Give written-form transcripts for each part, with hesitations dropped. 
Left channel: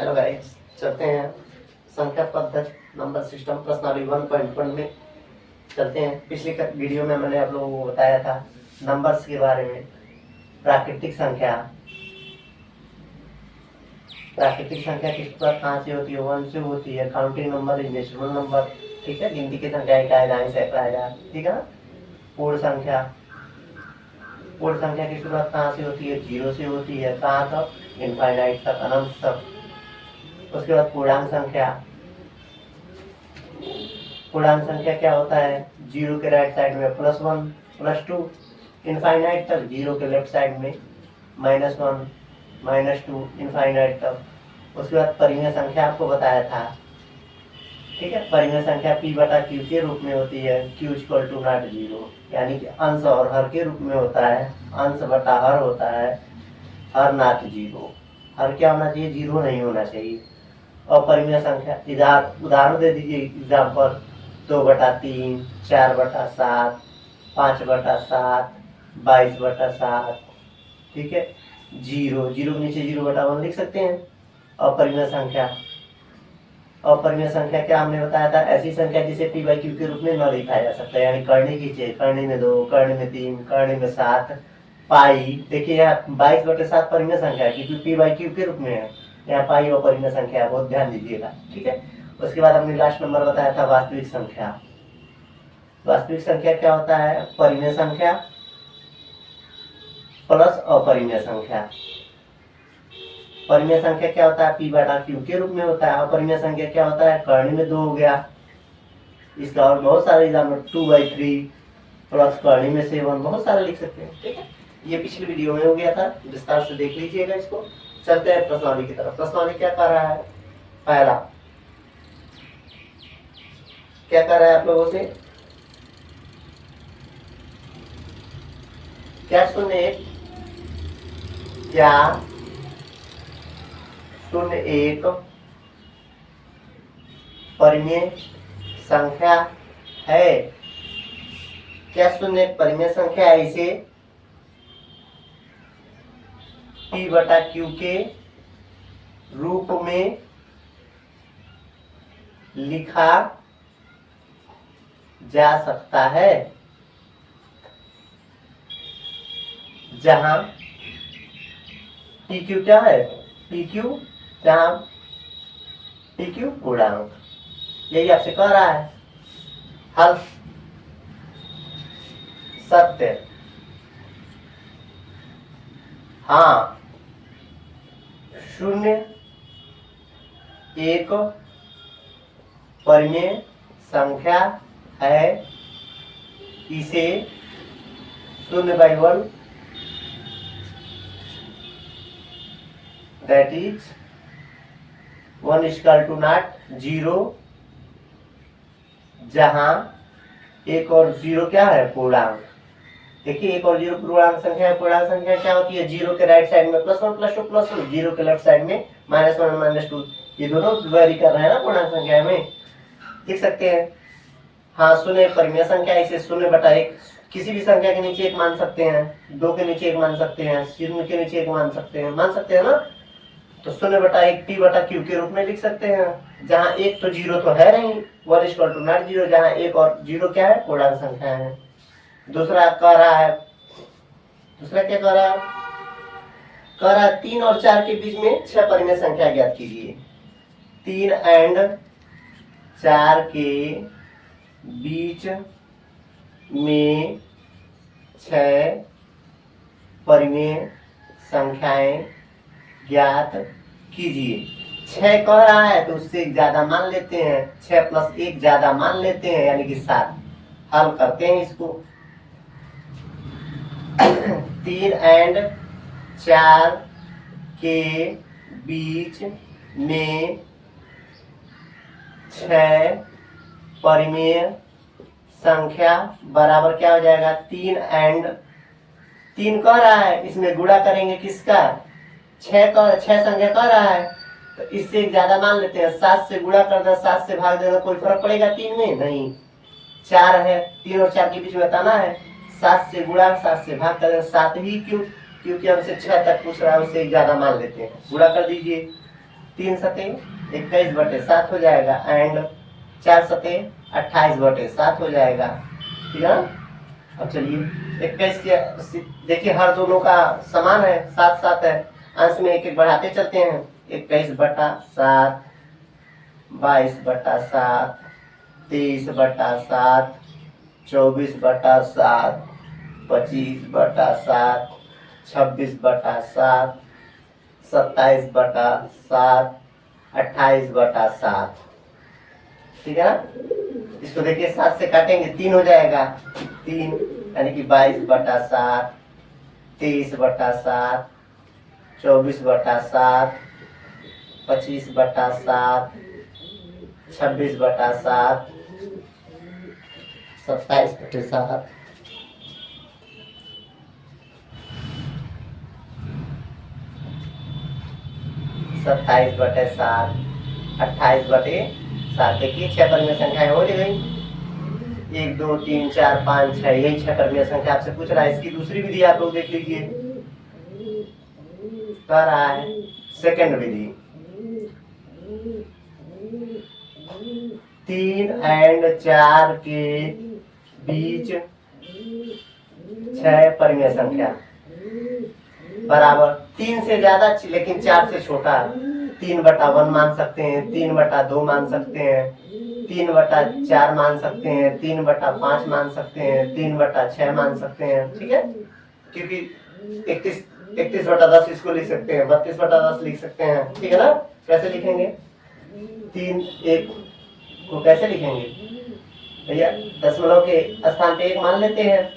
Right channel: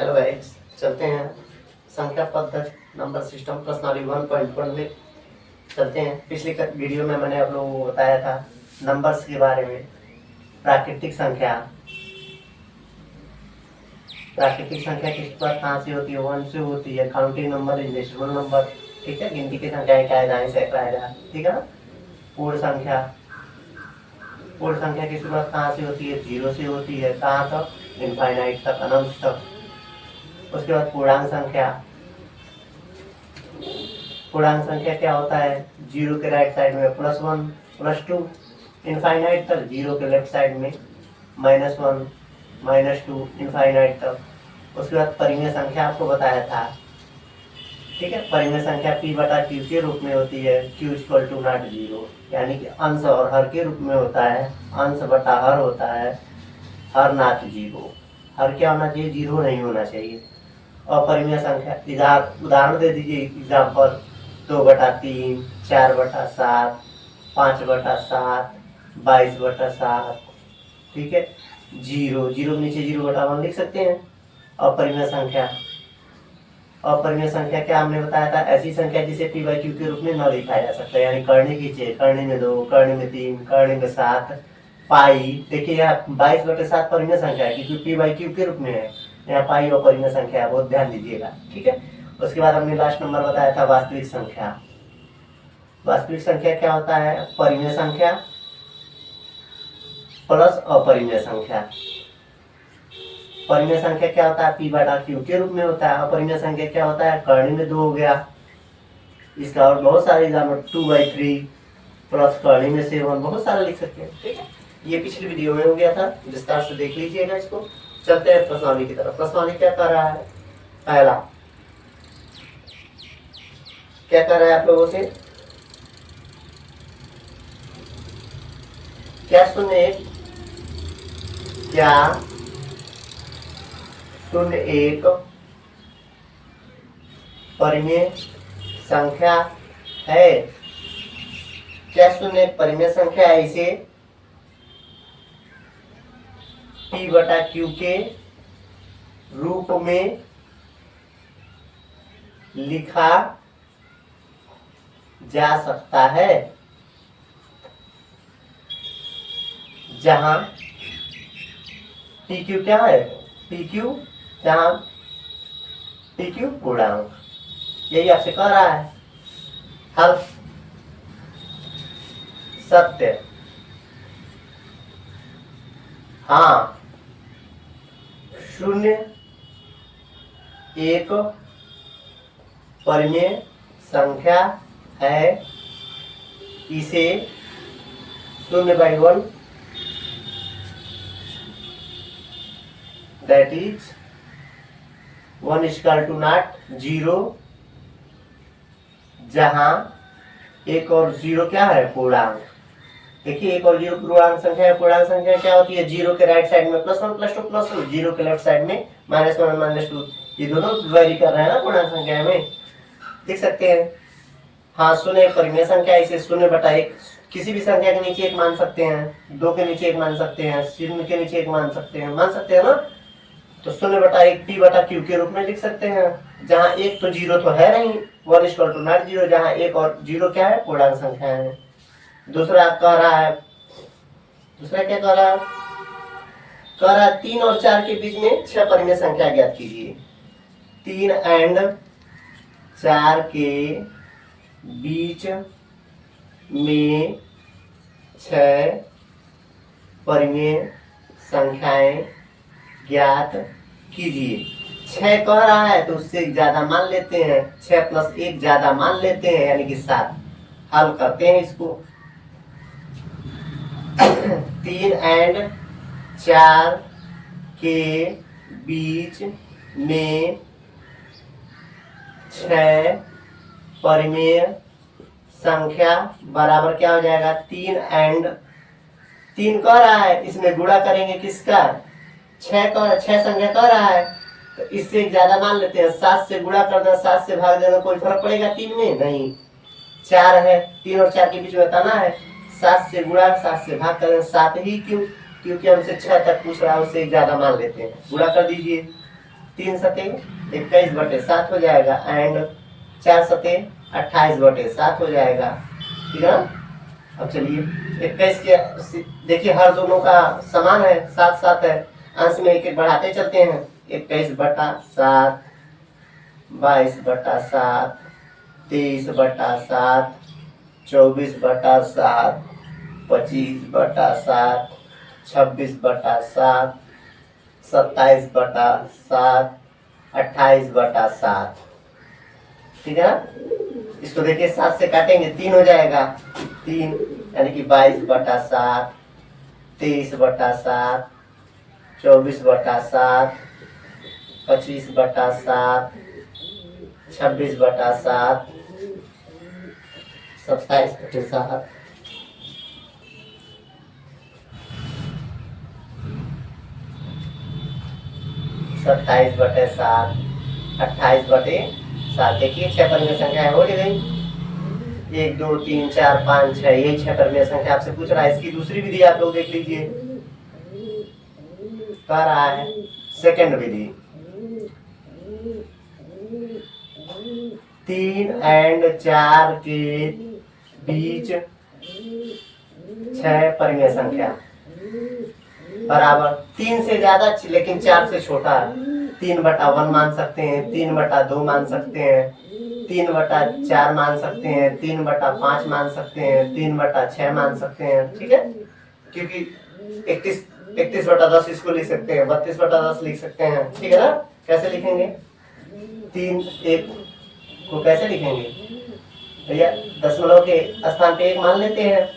Hello guys, चलते हैं संख्या पद्धति नंबर सिस्टम प्रश्नावली 1.1 में चलते हैं। पिछली वीडियो में मैंने आप लोगों को बताया था नंबर्स के बारे में। प्राकृतिक संख्या किस पर कहाँ से होती है? 1 से होती है। Counting number is natural number, ठीक है। गिनती की संख्या क्या है? दाएं से आएगा, ठीक है ना। पूर्ण संख्या की शुरुआत कहाँ से होती है? 0 से होती है। कहाँ तक? इनफाइनाइट तक, अनंत तक। उसके बाद पूर्णांक संख्या क्या होता है? 0 के राइट साइड में +1 +2, इनफाइनाइट तक। 0 के लेफ्ट साइड में -1 -2, इनफाइनाइट तक। उसके बाद परिमेय संख्या आपको बताया था, ठीक है। परिमेय संख्या P/Q के रूप में होती है। Q = not 0, यानी कि अंश और हर के रूप में होता है। अंश बटा हर होता है, हर not 0। हर क्या होना चाहिए? 0 नहीं होना चाहिए। और परिमेय संख्या उदाहरण दे दीजिए। एग्जाम्पल 2/3, 4/7, 5/7, 22/7, ठीक है। 0 के नीचे 0/1 लिख सकते हैं। अपरिमेय संख्या क्या हमने बताया था? ऐसी संख्या जिसे P/Q के रूप में न लिखा जा सकता, यानी करने की चीज, करने में 2, करने में 3, करने में 7। पाई देखिए, यहाँ 22/7 परिमेय संख्या है क्योंकि P/Q के रूप में है। यहाँ पाई अपरिमेय संख्या है, बहुत ध्यान दीजिएगा, ठीक है। उसके बाद हमने लास्ट नंबर बताया था वास्तविक संख्या। वास्तविक संख्या क्या होता है? परिमेय संख्या प्लस अपरिमेय संख्या। परिमेय संख्या क्या होता है? P/Q के रूप में होता है। अपरिमेय संख्या क्या होता है? करने में 2 हो गया। इसका और बहुत सारे एग्जाम्पल 2/3 प्लस करने में 7, बहुत सारे लिख सकते हैं, ठीक है। ये पिछली वीडियो में हो गया था, विस्तार से देख लीजिएगा इसको। चलते हैं प्रश्नावली की तरफ। प्रश्नावली क्या कर रहा है? पहला क्या कर रहा है आप लोगों से? क्या 01 परिमेय संख्या है? क्या 01 परिमेय संख्या है? इसे P/Q के रूप में लिखा जा सकता है, जहां PQ क्या है? जहां PQ पूर्णांक, यही आपसे कह रहा है। हल सत्य, हाँ। 01 परिमेय संख्या है। इसे 0/1 that is 1 = not 0, जहां 1 और 0 क्या है? पूर्णांक। देखिए 1 और 0 पूर्णांक संख्या है। पूर्णांक संख्या क्या होती है? 0 के राइट साइड में +1 +2 +2, 0 के लेफ्ट साइड में -1 -2। ये दोनों वेरी कर रहे हैं ना पूर्णांक संख्या में, देख सकते हैं। हाँ, 0 परिमेय संख्या। इसे 0/1 किसी भी संख्या के नीचे 1 मान सकते हैं, 2 के नीचे 1 मान सकते हैं, 0 के नीचे 1 मान सकते हैं ना। तो 0/1 P/Q के रूप में लिख सकते हैं, जहां 1 तो 0 तो है नहीं, 1 = not 0, जहां 1 और 0 क्या है? पूर्णांक संख्या है। दूसरा क्या कह रहा है? 3 और 4 के बीच में 6 परिमेय संख्या ज्ञात कीजिए। 3 और 4 के बीच में 6 परिमेय संख्याएं ज्ञात कीजिए। 6 कह रहा है तो उससे ज्यादा मान लेते हैं। 6 + 1 ज्यादा मान लेते हैं, यानी कि 7। हल करते हैं इसको। 3 और 4 के बीच में 6 परिमेय संख्या बराबर क्या हो जाएगा? 3 कह रहा है, इसमें गुणा करेंगे किसका? 6 संख्या कह रहा है तो इससे ज्यादा मान लेते हैं। 7 से गुणा कर देना, 7 से भाग देना, कोई फर्क पड़ेगा 3 में? नहीं। 4 है, 3 और 4 के बीच में बताना है। 7 से गुणा, 7 से भाग कर 7 ही क्यों? क्योंकि हमसे 6 तक पूछ रहा है, उससे ज्यादा मान लेते हैं। गुणा कर दीजिए। 3 सते 21/7 हो जाएगा एंड 4 सते 28/7 हो जाएगा, ठीक है ना। अब चलिए 21 के देखिए हर दोनों का समान है, 7 है, अंश में एक एक बढ़ाते चलते हैं। 21/7, 22/7, 23/7, 24/7, 25/7, 26/7, 27/7, 28/7, ठीक है ना। इसको देखिए 7 से काटेंगे 3 हो जाएगा, 3 यानी कि 22/7, 23/7, 24/7, 25/7, 26/7, 27/7, 27/7, 28/7। देखिए 6 परिमेय संख्याएं हो गई, 1 2 3 4 5 6, यही 6 परिमेय संख्या आपसे पूछ रहा है। इसकी दूसरी विधि आप लोग देख लीजिए, कह रहा है सेकंड विधि, 3 एंड 4 के बीच 6 परिमेय संख्या बराबर 3 से ज्यादा लेकिन 4 से छोटा है, 3/1 मान सकते हैं, 3/2 मान सकते हैं, 3/4 मान सकते हैं, 3/5 मान सकते हैं, 3/6 मान सकते हैं, ठीक है। क्योंकि 31/10 इसको लिख सकते हैं, 32/10 लिख सकते हैं, ठीक है ना। कैसे लिखेंगे 3 1 को कैसे लिखेंगे भैया, दशमलव के स्थान पे 1 मान लेते हैं,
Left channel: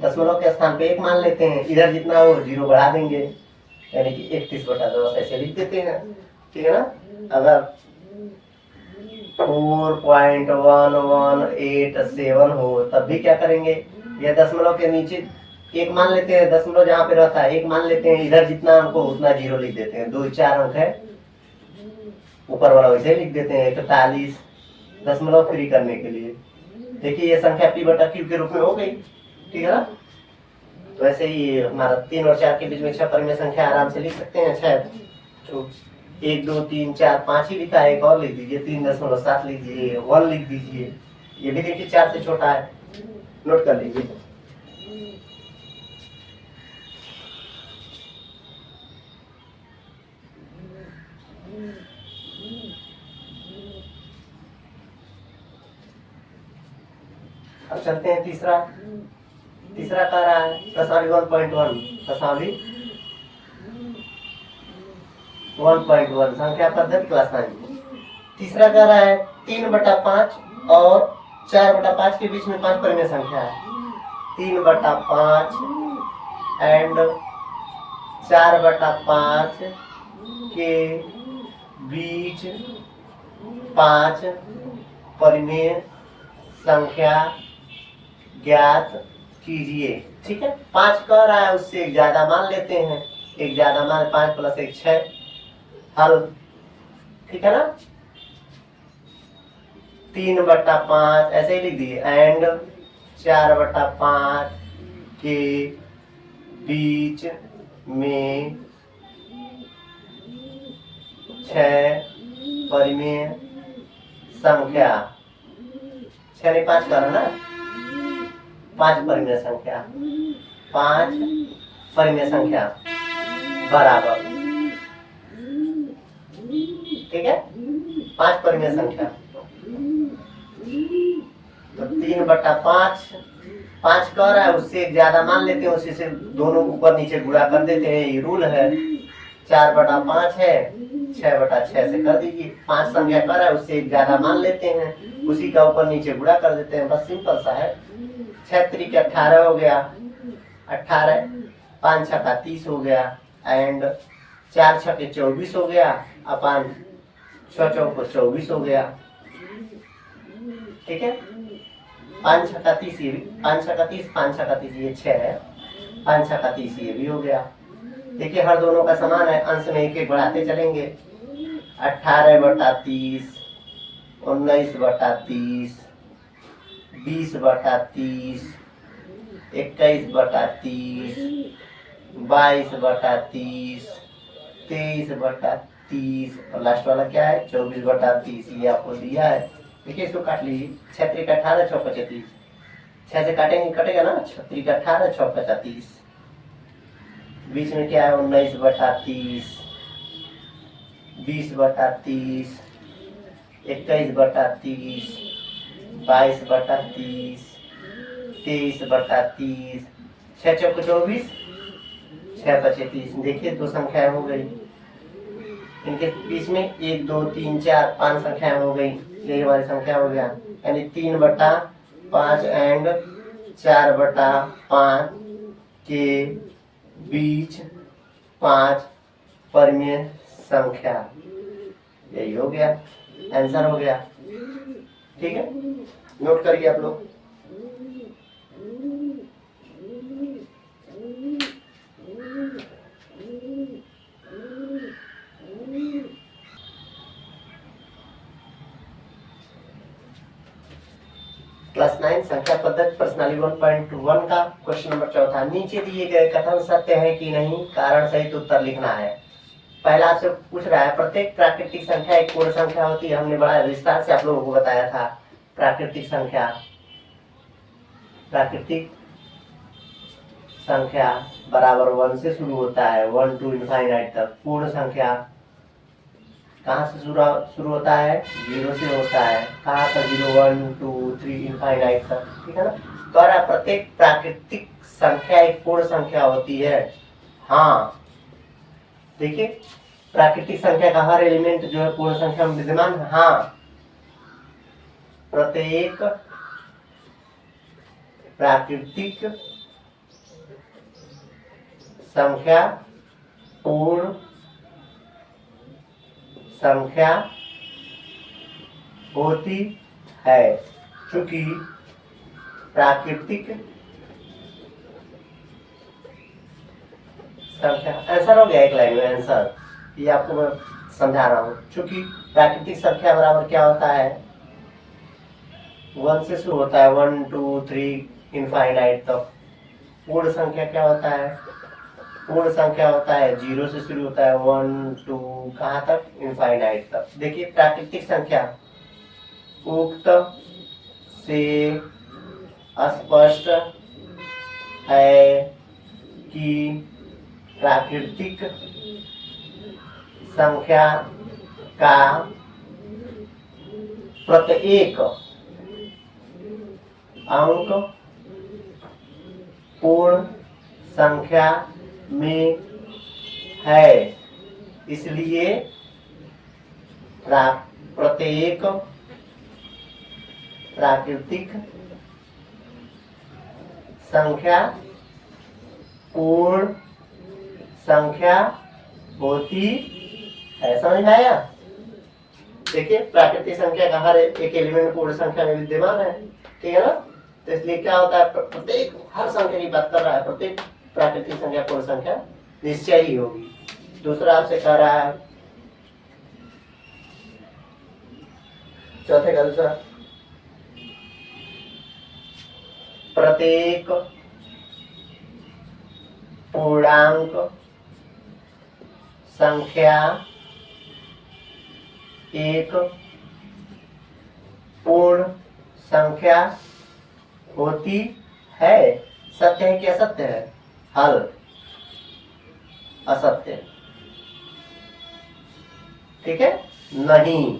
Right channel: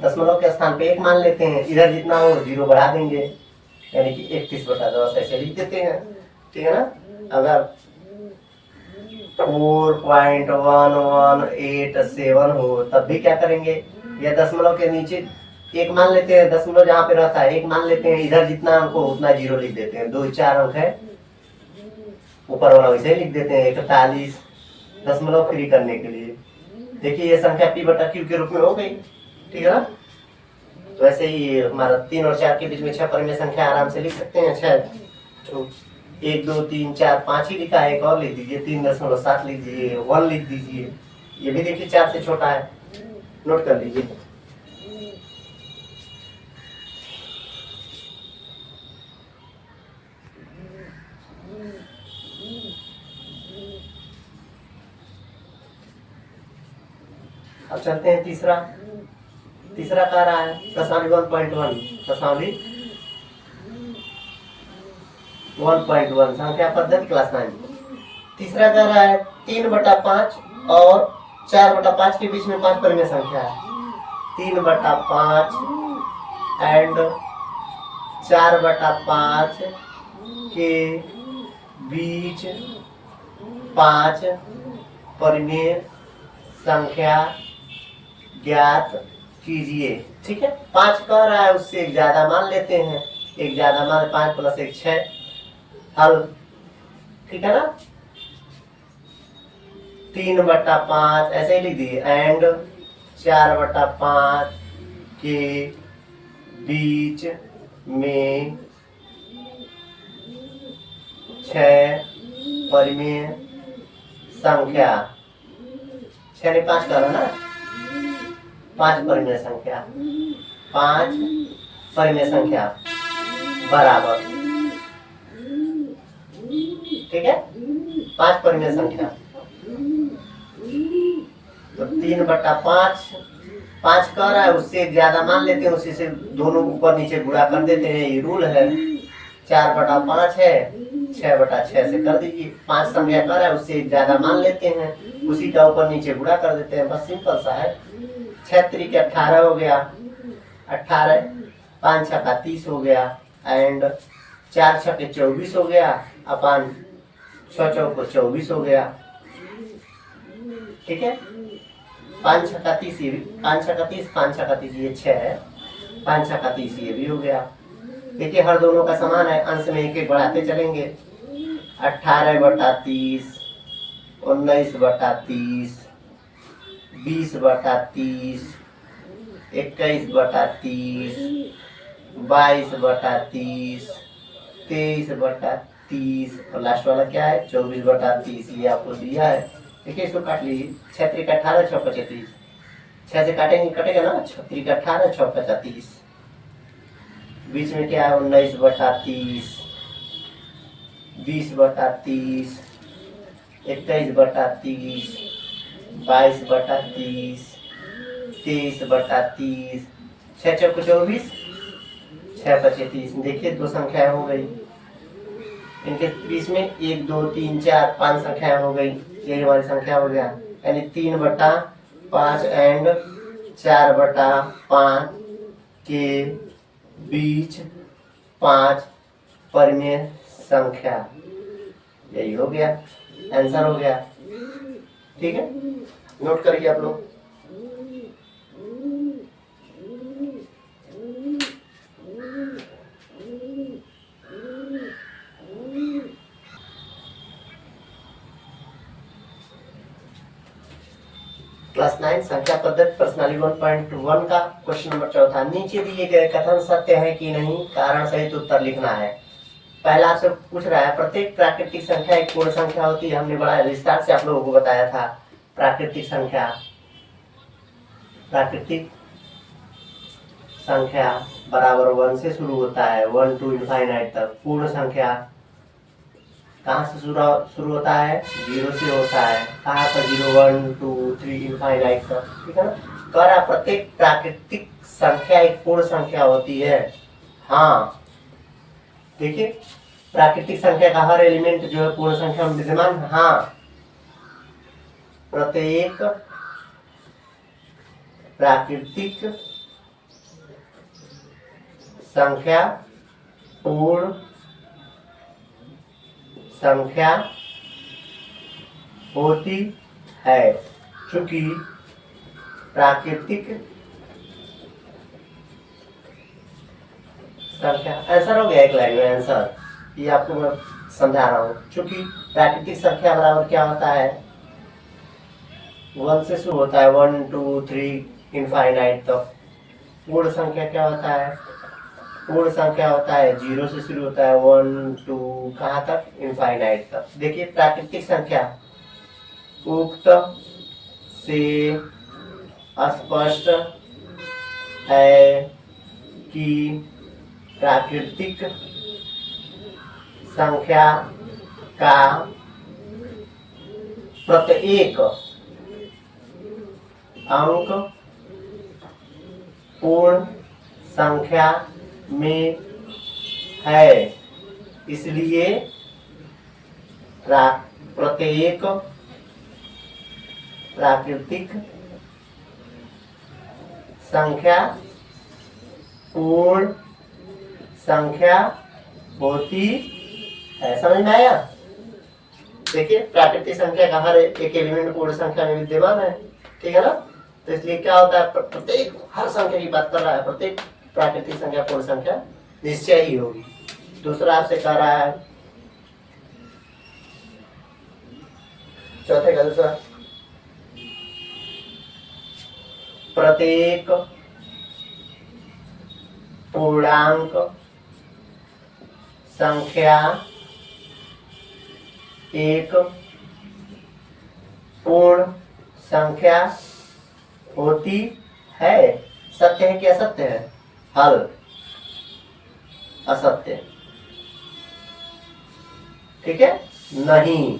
दशमलव के स्थान पे 1 मान लेते हैं, इधर जितना हो 0 बढ़ा देंगे, यानी कि 31/10 ऐसे लिख देते हैं, ठीक है ना। अगर 4.1187 हो तब भी क्या करेंगे, या दशमलव के नीचे 1 मान लेते हैं, दशमलव जहाँ पे रहता है 1 मान लेते हैं, इधर जितना अंक हो उतना 0 लिख देते हैं, 2 4 अंक है, ऊपर वाला वैसे ही लिख देते हैं 41 दशमलव फ्री करने के लिए। देखिए ये संख्या p/q के रूप में हो गई, ठीक है ना। तो ऐसे ही हमारा 3 और 4 के बीच में 6 परिमेय संख्या आराम से लिख सकते हैं। शायद तो 1 2 3 4 5 ही लिखा है, एक और लिख दीजिए, 3.7 लिख दीजिए, 1 लिख दीजिए, ये भी देखिए 4 से छोटा है, नोट कर लीजिए। अब चलते हैं तीसरा कह रहा है प्रश्नावली 1.1, प्रश्नावली 1.1 संख्या पद्धति क्लास 9। तीसरा कह रहा है 3/5 और 4/5 के बीच में 5 परिमेय संख्या है, 3/5 एंड 4/5 के बीच 5 परिमेय संख्या ज्ञात कीजिए, ठीक है। 5 कह रहा है, उससे एक ज्यादा मान लेते हैं, एक ज्यादा मान 5 + 1 6, हल, ठीक है ना। 3/5 ऐसे ही लिख दिए एंड 4/5 के बीच में 6 परिमेय संख्या, 6 नहीं 5 करो ना, 5 परिमेय संख्या, 5 परिमेय संख्या बराबर, ठीक है, 5 परिमेय संख्या। तो 3/5 5 कह रहा है, उससे एक ज्यादा मान लेते हैं, उसी से दोनों ऊपर नीचे गुणा कर देते हैं, ये रूल है। 4/5 है, 6/6 से कर दीजिए, 5 संख्या कर रहा है, उससे एक ज्यादा मान लेते हैं, उसी का ऊपर नीचे गुणा कर देते हैं, बस सिंपल सा है। 6 3 के 18 हो गया, 18 5 6 का 30 हो गया एंड 4 6 के 24 हो गया, अपन 6 4 को 24 हो गया, ठीक है। 5 6 का 30, 5 6 का 30, 5 6 का 30 ये 6 है, 5 6 का 30 ये भी हो गया। देखिए हर दोनों का समान है, अंश में एक एक बढ़ाते चलेंगे। 18/30, 19/30, 20/30, 21/30, 22/30, 23/30 और लास्ट वाला क्या है 24/30, ये आपको दिया है। देखिए इसको काट लीजिए, 6 3 18 6 25, 6 से काटेंगे कटेगा ना, 6 3 18 6 35, बीच में क्या है 19/30, 20/30, 21/30, 22/30, 23/30, 6 चौको 24, 6 5 30। देखिए 2 संख्याएं हो गई, इनके बीच में 1 2 3 4 5 संख्याएं हो गई, ये हमारी संख्या हो गया, यानी 3/5 एंड 4/5 के बीच 5 परिमेय संख्या, यही हो गया आंसर हो गया। ठीक है, नोट करिए आप लोग। क्लास 9 संख्या पद्धति प्रश्नावली 1.1 का क्वेश्चन नंबर 4 नीचे दिए गए कथन सत्य है कि नहीं, कारण सहित उत्तर लिखना है। पहला आपसे पूछ रहा है प्रत्येक प्राकृतिक संख्या एक पूर्ण संख्या होती है। हमने बड़ा विस्तार से आप लोगों को बताया था, प्राकृतिक संख्या बराबर 1 से शुरू होता है, 1 to इनफाइनाइट तक। पूर्ण संख्या कहाँ से शुरू होता है, 0 से होता है। कहाँ पर 0 1 2 3 इनफाइनाइट तक, ठीक है ना। कह रहा प्रत्येक प्राकृतिक संख्या एक पूर्ण संख्या होती है। हाँ देखिए, प्राकृतिक संख्या का हर एलिमेंट जो है पूर्ण संख्या में विद्यमान है। हाँ, प्रत्येक प्राकृतिक संख्या पूर्ण संख्या होती है, चूंकि प्राकृतिक संख्या, आंसर हो गया एक लाइन में आंसर, ये आपको मैं समझा रहा हूँ। चूंकि प्राकृतिक संख्या बराबर क्या होता है, 1 से शुरू होता है, 1 2 3 इनफाइनाइट तक। पूर्ण संख्या क्या होता है, पूर्ण संख्या होता है 0 से शुरू होता है, 1 2 कहाँ तक, इनफाइनाइट तक। देखिए प्राकृतिक संख्या उक्त से स्पष्ट है कि प्राकृतिक संख्या का प्रत्येक अंक पूर्ण संख्या में है, इसलिए प्रत्येक प्राकृतिक संख्या पूर्ण संख्या होती है। समझ में आया। देखिए प्राकृतिक संख्या का हर एक एलिमेंट पूर्ण संख्या में विद्यमान है, ठीक है ना। तो इसलिए क्या होता है, प्रत्येक हर संख्या की बात कर रहा है, प्रत्येक प्राकृतिक संख्या पूर्ण संख्या निश्चय ही होगी। दूसरा आपसे कह रहा है, चौथे का दूसरा, प्रत्येक पूर्णांक संख्या एक पूर्ण संख्या होती है। सत्य है कि असत्य है, हल असत्य, ठीक है। नहीं,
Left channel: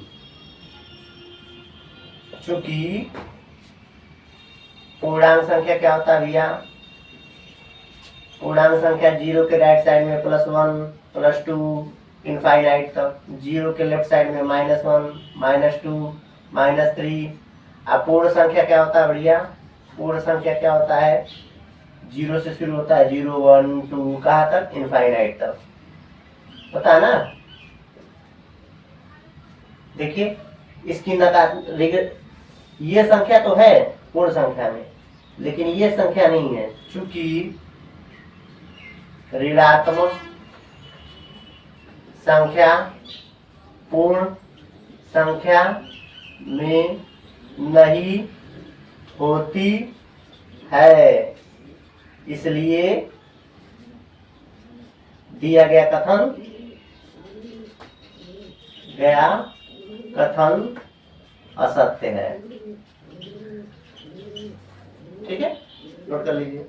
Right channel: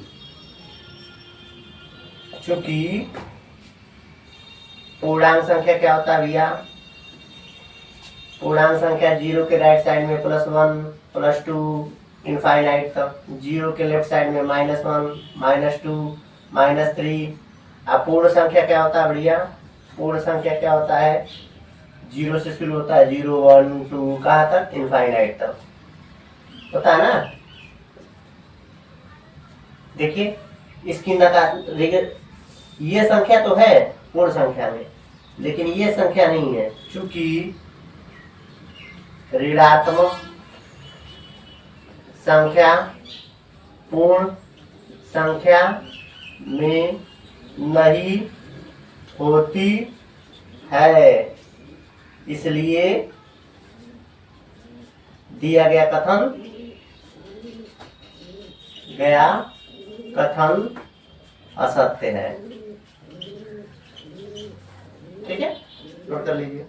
चूंकि पूर्णांक संख्या क्या होता है भैया, पूर्णांक संख्या 0 के राइट साइड में +1 +2 इनफाइनाइट तक, 0 के लेफ्ट साइड में -1 -2 -3। अब पूर्ण संख्या क्या होता है भैया, पूर्ण संख्या क्या होता है, 0 से शुरू होता है, 0 1 2 कहाँ तक, इनफाइनाइट तक होता है ना। देखिए इसकी नकार, ये संख्या तो है पूर्ण संख्या में, लेकिन ये संख्या नहीं है, चूंकि ऋणात्मक संख्या पूर्ण संख्या में नहीं होती है, इसलिए दिया गया कथन गया कथन असत्य है। ठीक है, नोट कर लीजिए।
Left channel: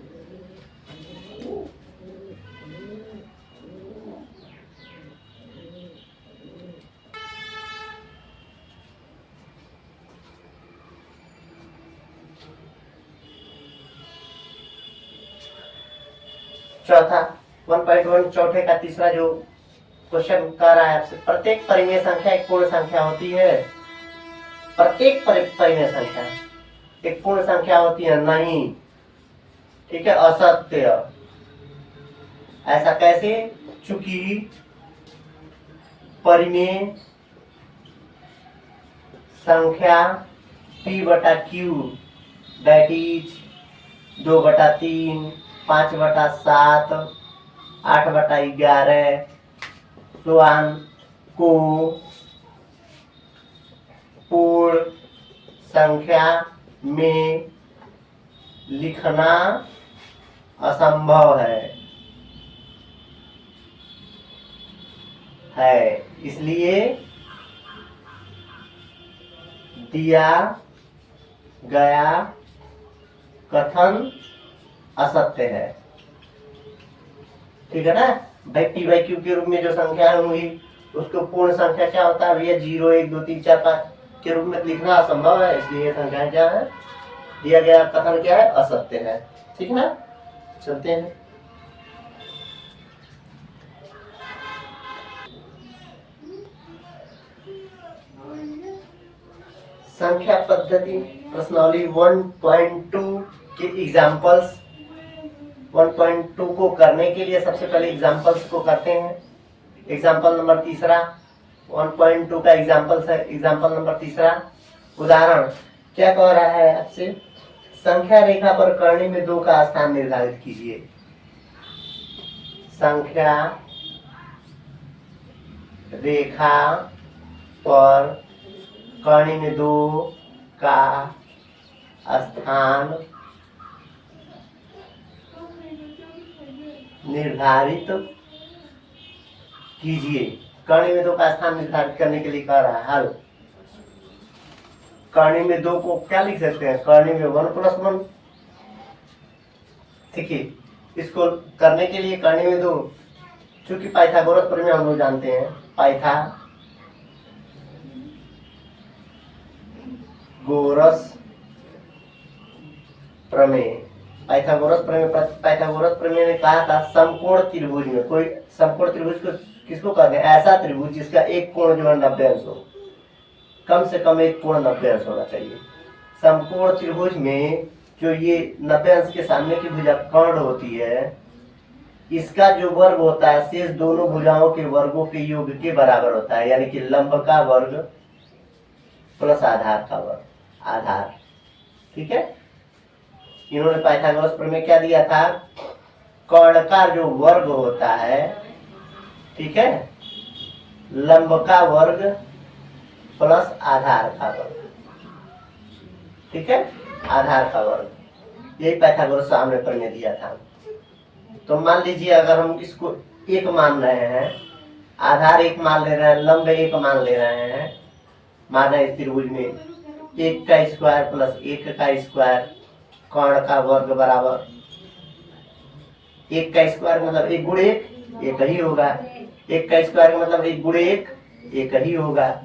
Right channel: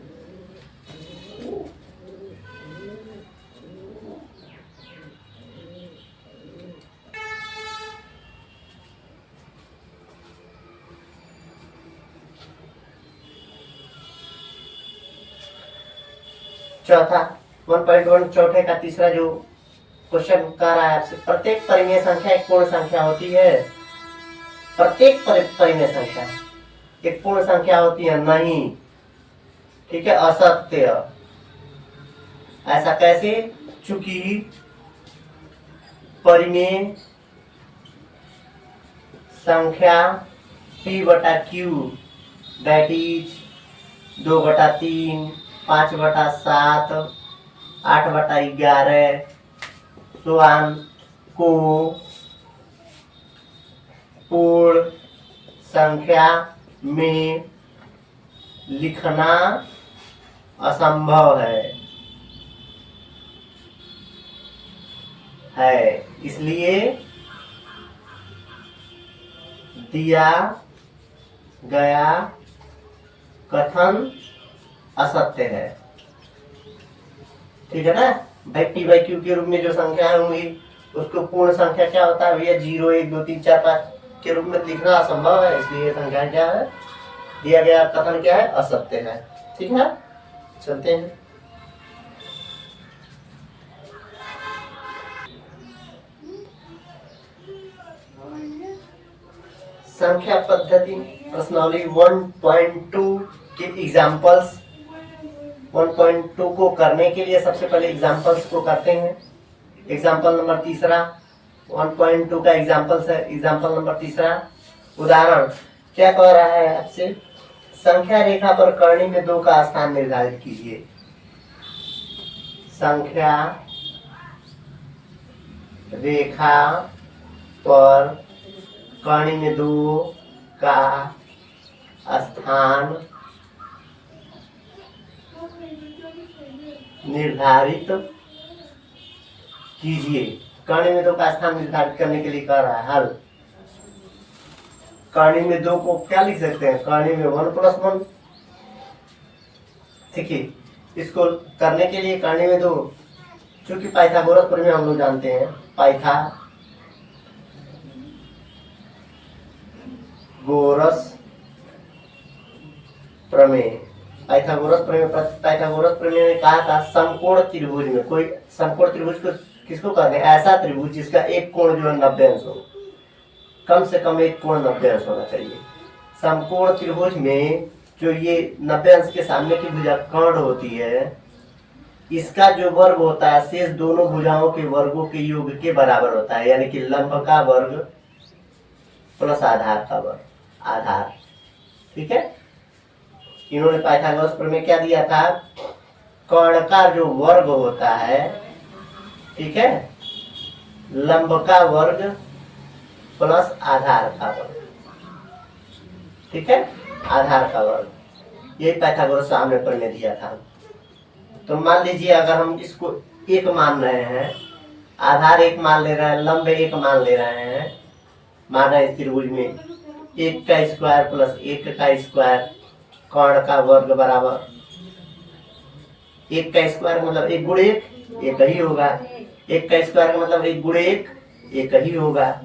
चौथा 1.1 चौथे का तीसरा जो क्वेश्चन कर रहा है आपसे, प्रत्येक परिमेय संख्या एक पूर्ण संख्या होती है। प्रत्येक परिमेय संख्या एक पूर्ण संख्या होती है नहीं। ठीक है, असत्य। ऐसा कैसे? चूंकि परिमेय संख्या p/q दैट इज 2/3, 5/7, 8/11 स्वान को पूर्ण संख्या में लिखना असंभव है। इसलिए दिया गया कथन असत्य है। ठीक है ना भाई, p/q के रूप में जो संख्या होंगी उसको पूर्ण संख्या क्या होता है भैया? 0, 1, 2, 3, 4, 5 के रूप में लिखना असंभव है। इसलिए संख्या क्या है? दिया गया कथन क्या है? असत्य है। ठीक है, चलते हैं। संख्या पद्धति प्रश्नावली 1.2 के एग्जाम्पल्स। 1.2 को करने के लिए सबसे पहले एग्जाम्पल्स को करते हैं। एग्जाम्पल नंबर तीसरा 1.2 का एग्जाम्पल्स है। एग्जाम्पल नंबर तीसरा उदाहरण क्या कह रहा है आपसे? संख्या रेखा पर कर्ण में 2 का स्थान निर्धारित कीजिए। संख्या रेखा पर कर्ण में 2 का स्थान निर्धारित कीजिए। कर्ण में 2 का स्थान निर्धारित करने के लिए कह रहा है हल। कर्ण में 2 को क्या लिख सकते हैं? कर्ण में 1+1। ठीक है, इसको करने के लिए कर्ण में 2, चूंकि पाइथागोरस प्रमेय हम लोग जानते हैं। पाइथागोरस प्रमेय ने कहा था समकोण त्रिभुज में, कोई समकोण त्रिभुज को किसको कहते हैं? ऐसा त्रिभुज जिसका एक कोण जो है 90 अंश हो, कम से कम एक कोण 90 अंश होना चाहिए। समकोण त्रिभुज में जो ये 90 अंश के सामने की भुजा कर्ण होती है, इसका जो वर्ग होता है शेष दोनों भुजाओं के वर्गों के योग के बराबर होता है। यानी कि लंब का वर्ग प्लस आधार का वर्ग, आधार। ठीक है, इन्होंने पाइथागोरस प्रमेय क्या दिया था? कर्ण का जो वर्ग होता है, ठीक है, लंब का वर्ग प्लस आधार का वर्ग। ठीक है, आधार का वर्ग, यही पाइथागोरस हमने प्रमेय दिया था। तो मान लीजिए अगर हम इसको 1 मान रहे हैं, आधार 1 मान ले रहे हैं, लंब 1 मान ले रहे हैं, मान है इस त्रिभुज में 1 का स्क्वायर प्लस 1 का स्क्वायर कर्ण का वर्ग बराबर 1 का स्क्वायर मतलब 1 गुणे 1 ही होगा। 1 का स्क्वायर का मतलब 1 गुणे 1 ही होगा।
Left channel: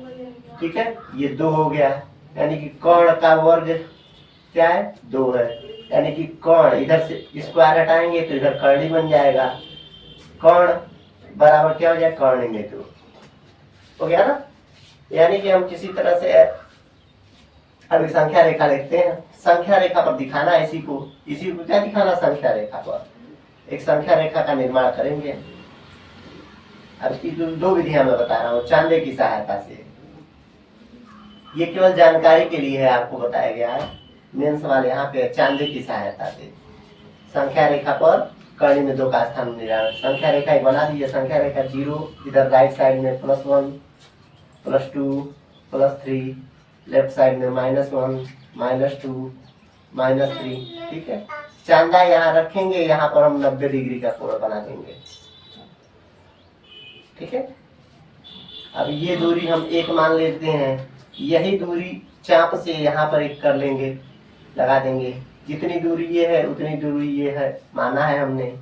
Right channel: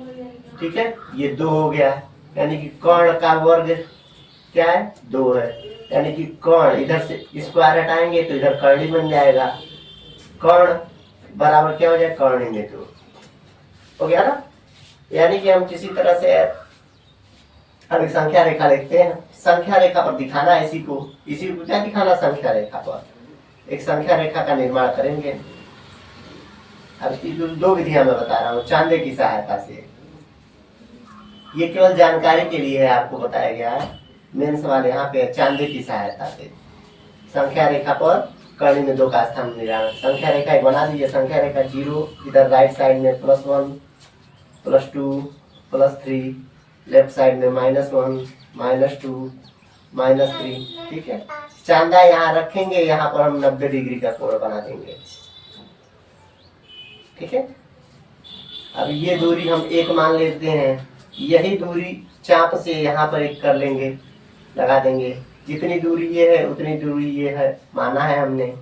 ठीक है, ये 2 हो गया। यानी कि कर्ण का वर्ग क्या है? 2 है। यानी कि कर्ण, इधर से स्क्वायर हटाएंगे तो इधर कर्ण बन जाएगा। कर्ण बराबर क्या हो जाए? कर्ण में 2 हो गया ना। यानी कि हम किसी तरह से अभी संख्या रेखा लिखते हैं। संख्या रेखा पर दिखाना है इसी को क्या दिखाना? संख्या रेखा पर एक संख्या रेखा का निर्माण करेंगे। अब इसकी 2 विधियां मैं बता रहा हूँ चांदे की सहायता से। ये केवल जानकारी के लिए है, आपको बताया गया है। मेन सवाल यहाँ पे चांदे की सहायता से संख्या रेखा पर कर्ण में 2 का स्थान निर्धारण। संख्या रेखा बना दीजिए। संख्या रेखा 0, इधर राइट साइड में +1, +2, +3, लेफ्ट साइड में -1, -2, -3। ठीक है, चांदा यहाँ रखेंगे, यहाँ पर हम 90 डिग्री का कोण बना देंगे। ठीक है, अब ये दूरी हम 1 मान लेते हैं, यही दूरी चाप से यहाँ पर 1 कर लेंगे, लगा देंगे। जितनी दूरी ये है उतनी दूरी ये है, माना है हमने।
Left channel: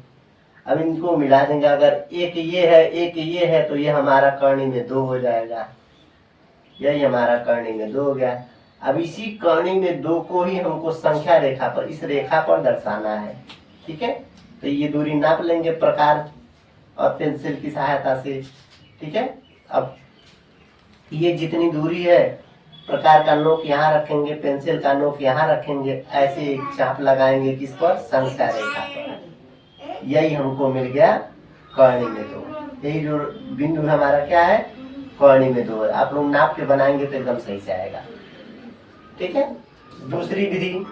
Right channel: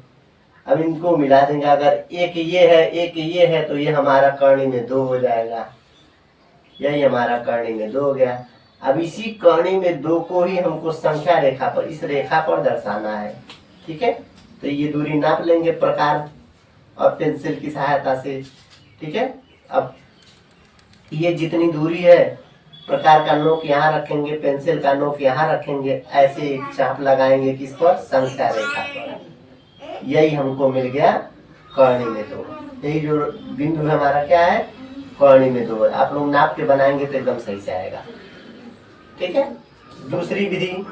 अब इनको मिला देंगे, अगर एक ये है एक ये है तो ये हमारा करनी में 2 हो जाएगा, यही हमारा करनी में 2 हो गया। अब इसी करनी में 2 को ही हमको संख्या रेखा पर, इस रेखा पर दर्शाना है, ठीक है। तो ये दूरी नाप लेंगे प्रकार और पेंसिल की सहायता से, ठीक है। अब ये जितनी दूरी है, प्रकार का नोक यहाँ रखेंगे, पेंसिल का नोक यहाँ रखेंगे, ऐसे एक चाप लगाएंगे किस पर, संख्या रेखा पर। यही हमको मिल गया करनी में 2। यही जो बिंदु हमारा क्या है, करनी में 2 है। आप लोग नाप के बनाएंगे तो एकदम सही से आएगा, ठीक है। दूसरी विधि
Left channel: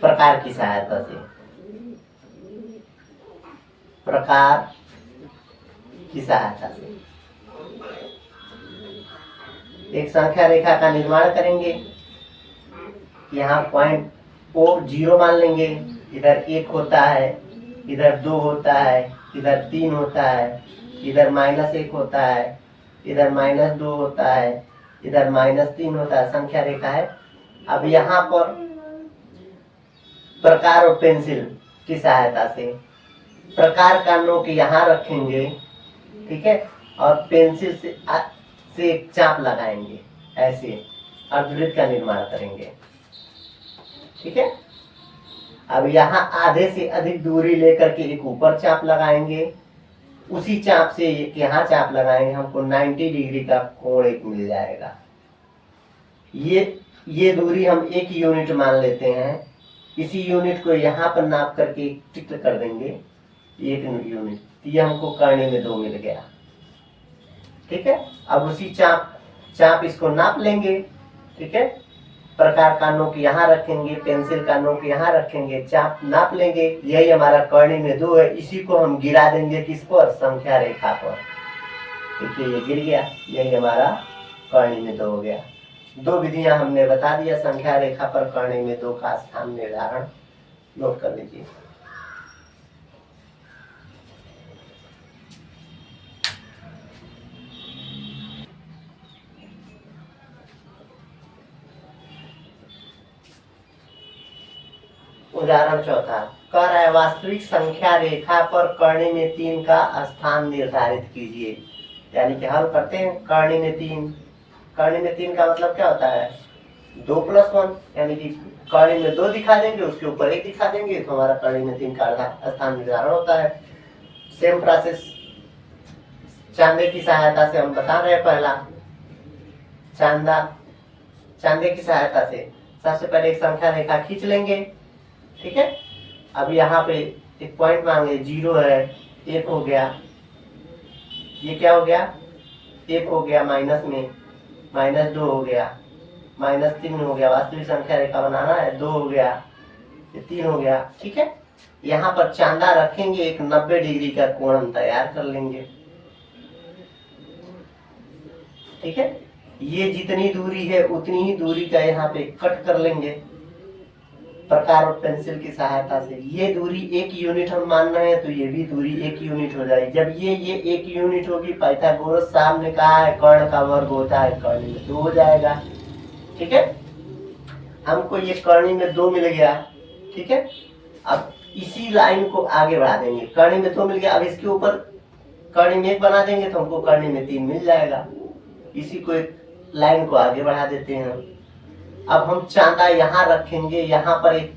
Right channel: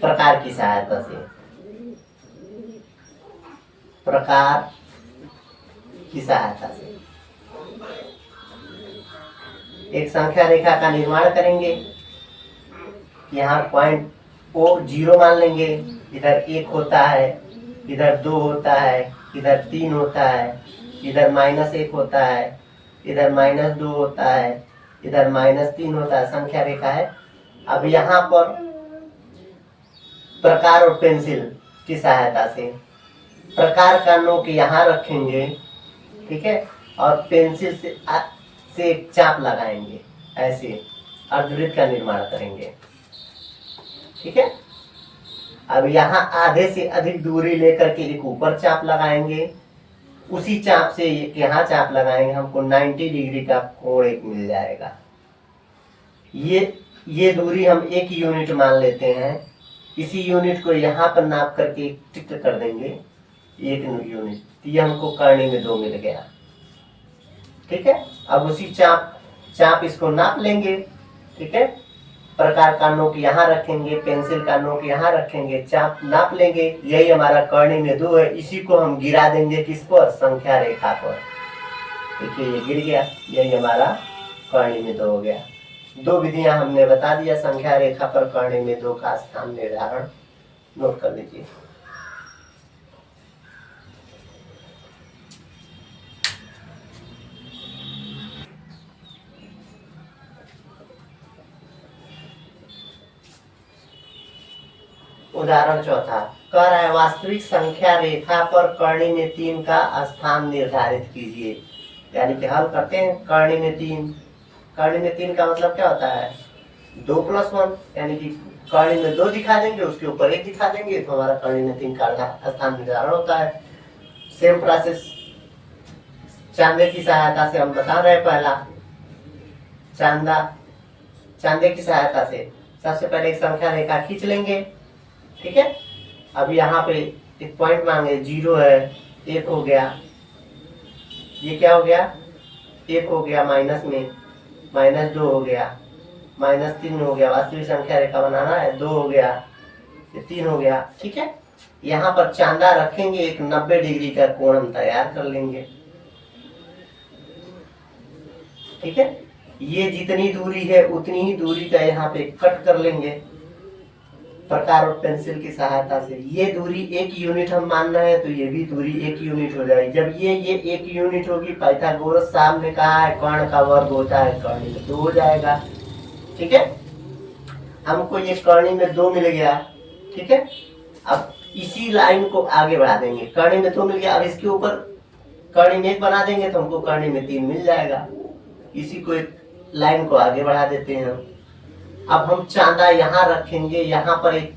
प्रकार की सहायता से, प्रकार की सहायता से एक संख्या रेखा का निर्माण करेंगे। यहाँ पॉइंट को 0 मान लेंगे, इधर 1 होता है, इधर 2 होता है, इधर 3 होता है, इधर -1 होता है, इधर -2 होता है, इधर -3 होता है, संख्या रेखा है। अब यहाँ पर प्रकार और पेंसिल की सहायता से प्रकार का नोक यहाँ रखेंगे, ठीक है, और पेंसिल से एक चाप लगाएंगे, ऐसे अर्धवृत्त का निर्माण करेंगे, ठीक है। अब यहाँ आधे से अधिक दूरी लेकर के एक ऊपर चाप लगाएंगे, उसी चाप से यहाँ चाप लगाएंगे, हमको 90 डिग्री का कोण एक मिल जाएगा। ये दूरी हम 1 यूनिट मान लेते हैं। इसी यूनिट को यहाँ पर नाप करके टिक कर देंगे, 1 यूनिट, तो ये हमको करनी में 2 मिल गया, ठीक है। अब उसी चाप इसको नाप लेंगे, ठीक है। प्रकार का नोक यहाँ रखेंगे, पेंसिल का नोक यहाँ रखेंगे, चाप नाप लेंगे, यही हमारा करनी में 2 है। इसी को हम गिरा देंगे किस पर, संख्या रेखा पर। देखिए ये गिर गया, यही हमारा करनी में 2 हो गया। 2 विधियां हमने बता दिया संख्या रेखा पर करनी में 2 का स्थान निर्धारण, नोट कर लीजिए। उदाहरण चौथा कह रहा है, वास्तविक संख्या रेखा पर करनी में 3 का स्थान निर्धारित कीजिए। यानी कि हल करते हैं, करनी में 3, करनी में 3 का मतलब क्या होता है, 2 + 1, यानी कि करनी में 2 दिखा देंगे, उसके ऊपर 1 दिखा देंगे, तो हमारा करनी में 3 का स्थान निर्धारण होता है। सेम प्रोसेस चांदे की सहायता से हम बता रहे हैं। पहला चांदे की सहायता से सबसे पहले एक संख्या रेखा खींच लेंगे, ठीक है। अब यहाँ पे एक पॉइंट मांगे, 0 है, 1 हो गया, ये क्या हो गया, 1 हो गया, माइनस में -2 हो गया, -3 हो गया, वास्तविक संख्या रेखा बनाना है, 2 हो गया, ये 3 हो गया, ठीक है। यहाँ पर चांदा रखेंगे, एक 90 डिग्री का कोण हम तैयार कर लेंगे, ठीक है। ये जितनी दूरी है उतनी ही दूरी का यहाँ पे कट कर लेंगे प्रकार और पेंसिल की सहायता से। ये दूरी 1 यूनिट हम मान रहे हैं, तो ये भी दूरी 1 यूनिट हो जाएगी। जब ये 1 यूनिट होगी, पाइथागोरस साहब ने कहा है कर्ण का वर्ग होता है करनी में 2 हो जाएगा, ठीक है। हमको ये करनी में 2 मिल गया, ठीक है। अब इसी लाइन को आगे बढ़ा देंगे, करनी में 2 मिल गया, अब इसके ऊपर करनी में 1 बना देंगे तो हमको करनी में 3 मिल जाएगा। इसी को एक लाइन को आगे बढ़ा देते हैं। अब हम चांदा यहाँ रखेंगे, यहाँ पर एक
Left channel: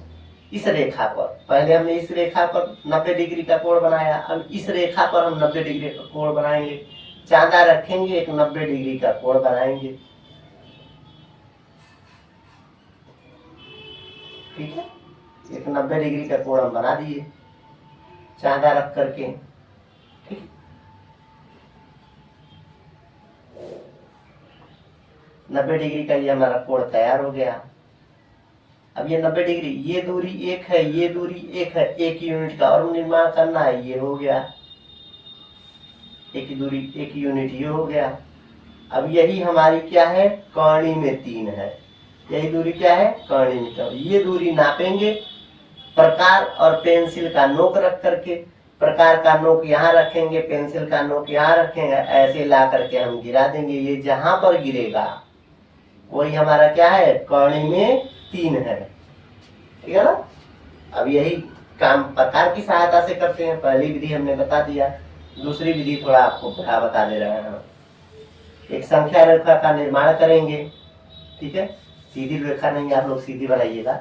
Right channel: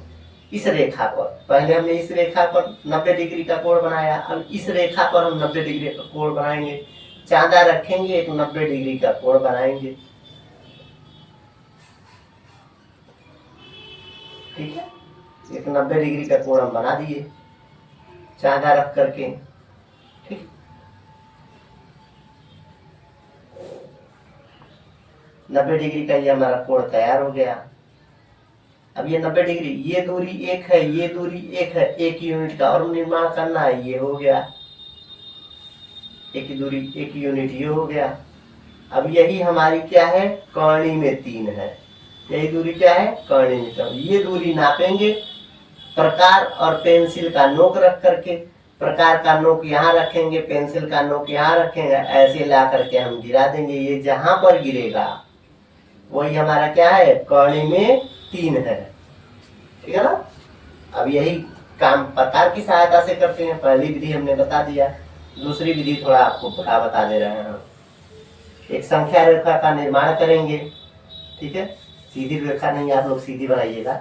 इस रेखा पर, पहले हमने इस रेखा पर 90 डिग्री का कोण बनाया, अब इस रेखा पर हम 90 डिग्री का कोण बनाएंगे। चांदा रखेंगे, एक 90 डिग्री का कोण बनाएंगे, ठीक है। एक 90 डिग्री का कोण हम बना दिए चांदा रख करके, ठीक। 90 डिग्री का ये हमारा कोण तैयार हो गया। अब ये 90 डिग्री, ये दूरी 1 है, ये दूरी 1 है, 1 यूनिट का और निर्माण करना है, ये हो गया, एक दूरी 1 यूनिट ये हो गया। अब यही हमारी क्या है, करनी में 3 है, यही दूरी क्या है, करनी में 3। ये दूरी नापेंगे प्रकार और पेंसिल का नोक रख करके, प्रकार का नोक यहाँ रखेंगे, पेंसिल का नोक यहाँ रखेंगे, ऐसे ला करके हम गिरा देंगे। ये जहां पर गिरेगा वही हमारा क्या है, कौड़ी में 3 है। ठीक है ना। अब यही काम प्रकार की सहायता से करते हैं। पहली विधि हमने बता दिया, दूसरी विधि थोड़ा आपको बता दे रहे हैं। एक संख्या रेखा का निर्माण करेंगे। ठीक है, सीधी रेखा नहीं, आप लोग सीधी बनाइएगा।